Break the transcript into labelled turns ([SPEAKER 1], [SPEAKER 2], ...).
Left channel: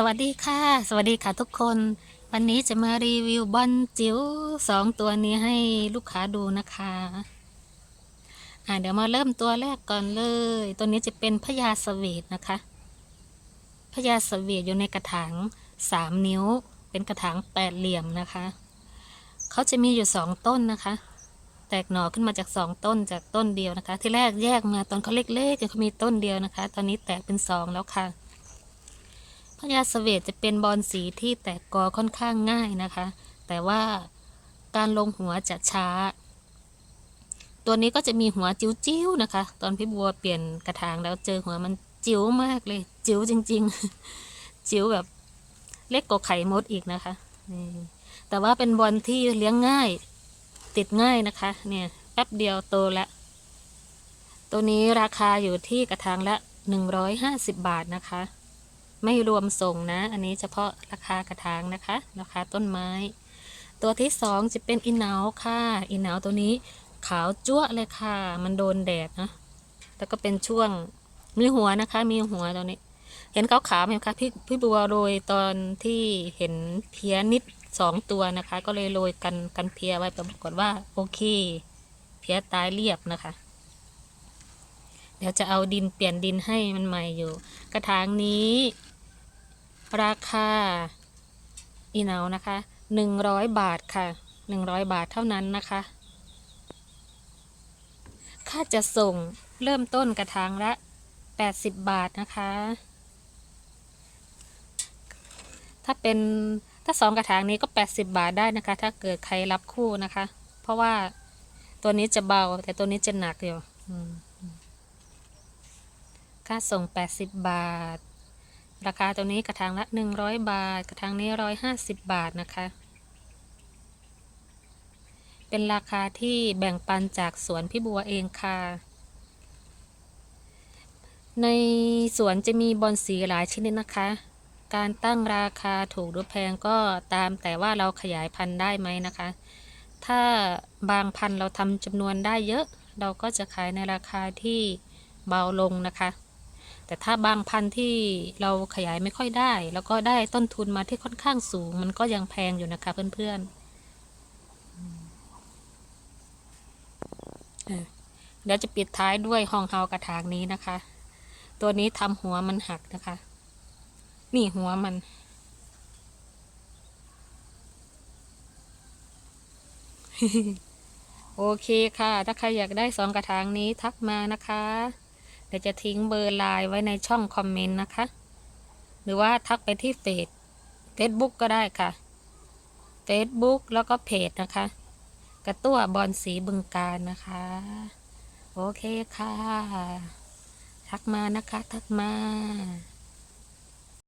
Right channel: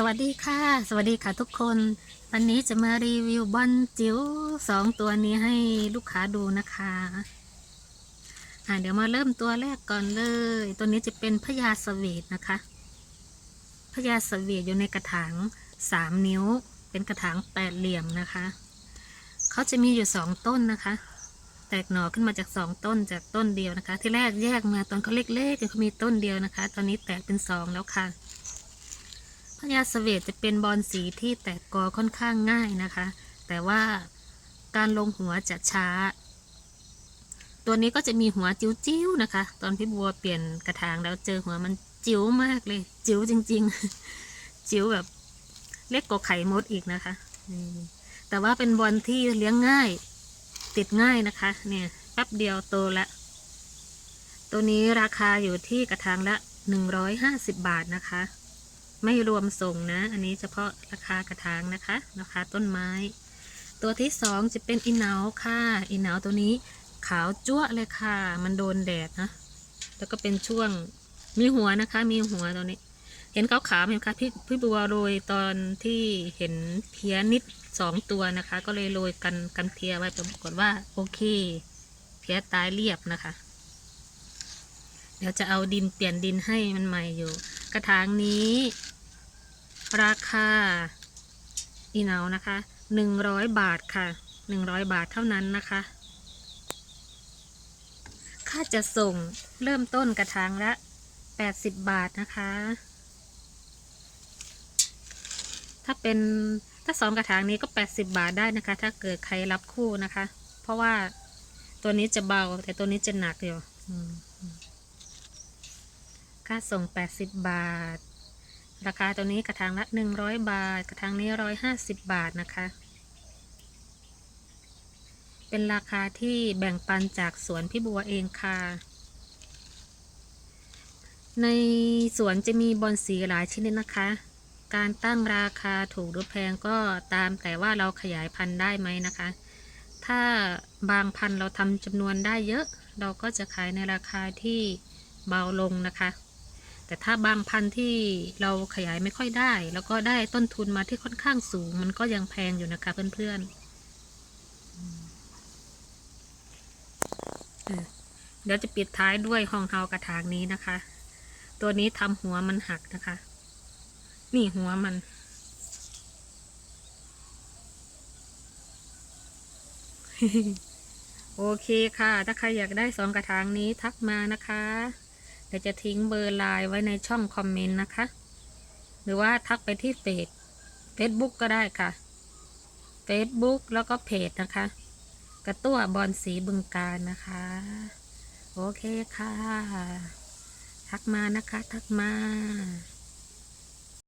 [SPEAKER 1] สวัสดีค่ะ สวัสดีค่ะทุกคน วันนี้จะมารีวิวบอลจิ๋วสองตัวนี้ให้ลูกค้าดูนะคะอ่าเดี๋ยวมาเริ่มตัวแรกก่อนเลย ตัวนี้จะเป็นพญาสเวตนะคะพญาสเวตอยู่ในกระถางสามนิ้ว เป็นกระถางแปดเหลี่ยมนะคะ เขาจะมีอยู่สองต้นนะคะ แตกหน่อขึ้นมาจากสองต้นจากต้นเดียวนะคะ ที่แรกแยกมาตอนเขาเล็กๆเขามีต้นเดียวนะคะ ตอนนี้แตกเป็นสองแล้วค่ะ พญาสเวตจะเป็นบอลสีที่แตกกอค่อนข้างง่ายนะคะ แต่ว่าการลงหัวจะช้า ตัวนี้ก็จะมีหัวจิ้วๆนะคะ ตอนพี่บัวเปลี่ยนกระถางแล้วเจอหัวมันจิ๋วมากเลย จิ๋วจริง ๆ จิ๋วแบบเล็กกว่าไข่มดอีกนะคะแต่ว่าเป็นบอลที่เลี้ยงง่าย ติดง่ายนะคะ เนี่ยแป๊บเดียวโตละ ตัวนี้ราคาอยู่ที่กระถางละ 150 บาทนะคะ ไม่รวมส่งนะ อันนี้เฉพาะราคากระถางนะคะ ราคาต้นไม้ ตัวที่สองจะเป็นอีเนาค่ะอีเนาตัวนี้ขาวจั่วเลยค่ะ มันโดนแดดนะ แล้วก็เป็นช่วงมีหัวนะคะ มีหัวตัวนี้ เห็นขาวขาวไหมคะพี่พี่บัวโรยตอนที่เห็นเพี้ยนิดสองตัวนะคะ ก็เลยโรยกันกันเพี้ยไว้แต่ปรากฏว่าโอเค เพี้ยตายเรียบนะคะ เดี๋ยวจะเอาดินเปลี่ยนดินให้มันใหม่อยู่ กระถางนี้ ราคาอีเนานะคะหนึ่งร้อยบาทค่ะหนึ่งร้อยบาทเท่านั้นนะคะ ค่าจะส่งเริ่มต้นกระถางละแปดสิบบาทนะคะ ถ้าเป็นถ้าสองกระถางนี้ก็แปดสิบบาทได้นะคะ ถ้าเกิดใครรับคู่นะคะ เพราะว่าตัวนี้จะเบาแต่ตัวนี้จะหนักอยู่ค่าส่งแปดสิบบาท ราคาตัวนี้กระถางละ 100 บาท กระถางนี้ 150 บาทนะคะ เป็นราคาที่แบ่งปันจากสวนพี่บัวเองค่ะ ในสวนจะมีบอนสีหลายชนิดนะคะ การตั้งราคาถูกหรือแพงก็ตามแต่ว่าเราขยายพันธุ์ได้ไหมนะคะ ถ้าบางพันธุ์เราทำจำนวนได้เยอะ เราก็จะขายในราคาที่เบาลงนะคะ แต่ถ้าบางพันธุ์ที่เราขยายไม่ค่อยได้ แล้วก็ได้ต้นทุนมาที่ค่อนข้างสูง มันก็ยังแพงอยู่นะคะเพื่อนๆเออเดี๋ยวจะปิดท้ายด้วยห้องเฮากระถางนี้นะคะ ตัวนี้ทำหัวมันหักนะคะ นี่หัวมันโอเคค่ะ ถ้าใครอยากได้สองกระถางนี้ทักมานะคะ เดี๋ยวจะทิ้งเบอร์ไลน์ไว้ในช่องคอมเมนต์นะคะ หรือว่าทักไปที่เฟซเฟซบุ๊กก็ได้ค่ะเฟซบุ๊กแล้วก็เพจนะคะ กระตั้วบอลสีบึงการนะคะ โอเคค่ะ ทักมานะคะ ทักมา